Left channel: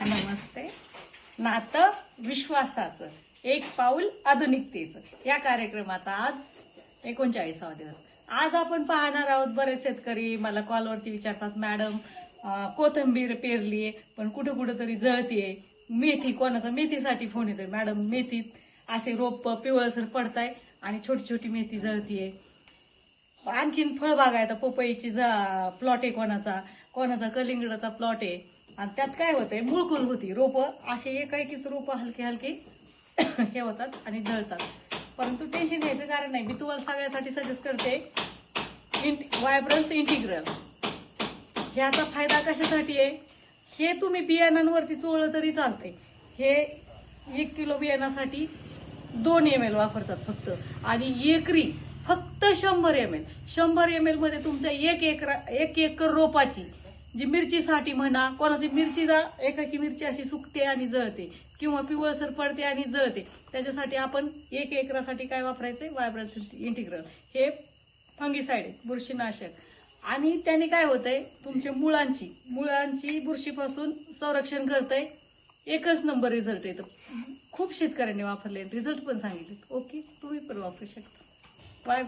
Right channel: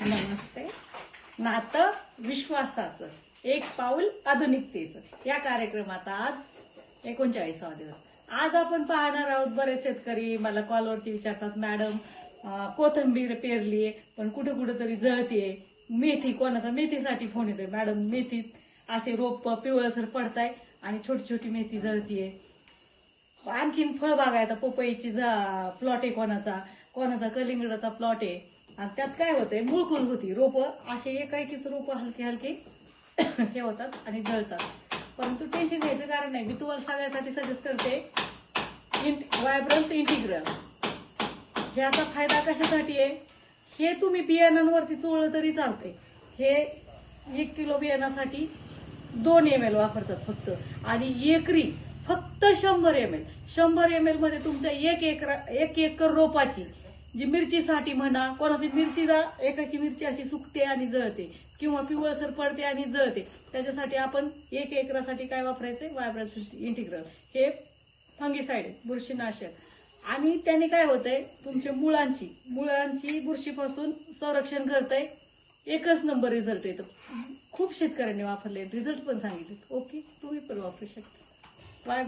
नमस्ते. नातं विश्वासाचं एक पाऊल आधुनिकतेचं या कार्यक्रमाचा आज 39वा दिवस. आज आपण पाहणार आहोत, बरेच शेतकरी मला कॉलवरती विचारतात, मॅडम कोथिंबीर पेरलीये पण कुठं कुठं तरी जळतीये. मेथी, कोणाचा मेथीसाठी फोन येतोय, मॅडम मेथीत असे रोप पिवळसर पडताय आणि छोटी छोटी मेथी जळतीये. आणखीन फळबाग आहे, आता पपईची प्लॉट आहे, कोणाचा कलिंगडाचा प्लॉट आहे. आणि त्यात काय होतंय, मुळकुर होती रोप, असे एकाएकीच रोप हलके हलके हे होतात आणि जळतात. परंतु टेन्शन घ्यायचं कारण नाही. मी तुम्हाला सगळ्यासाठी सजेस्ट करते व्हायब्रन्स इंटिग्रल. ह्याचा फायदा कशासाठी आहे, हे तुम्ही बियाणांवरती चोळलं तरी चालते. हे 1 किलो बियाणासाठी 2 ml वापरतात फक्त, आणि एकरी फक्त 100 ml. 100 ml मध्ये तुमच्या एक एकर रोपाची जी मिरचीसाठी म्हणा, कोणाची एकाकी मिरची अशी सुकते आणि जळते किंवा पिवळसर पडते आणि जळते, त्याच्यासाठी आपण 1 एकरासाठी काय वापरायचंय, व्हायब्रन्स इंटिग्रल. हे फंगीसाइड, बुरशीनाशक. आणि त्याने काय होतंय, तुमच्या मुळांची बुरशीपासून संरक्षण करतंय. एकच नंबर रिझल्ट येतो. खूप शेतकऱ्यांनी वापरले, रिझल्ट पण सांगितले. ओके, तुम्ही पण वापरू शकता.